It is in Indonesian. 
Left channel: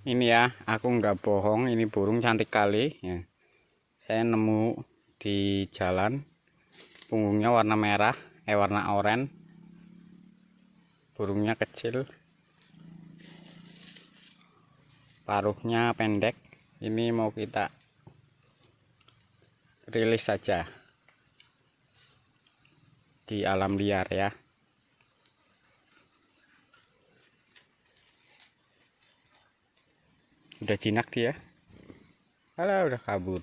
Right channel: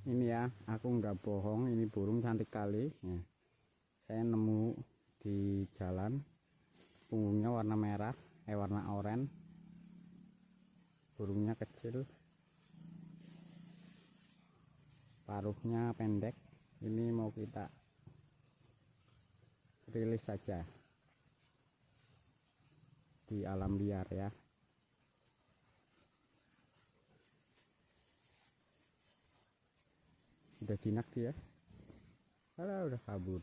Ini ya, aku nggak bohong, ini burung cantik kali ya. Saya nemu di jalan, punggungnya warna merah, warna oranye. Burungnya kecil, paruhnya pendek. Ini mau kita rilis saja di alam liar ya. Udah jinak dia. Alah, udah kabur.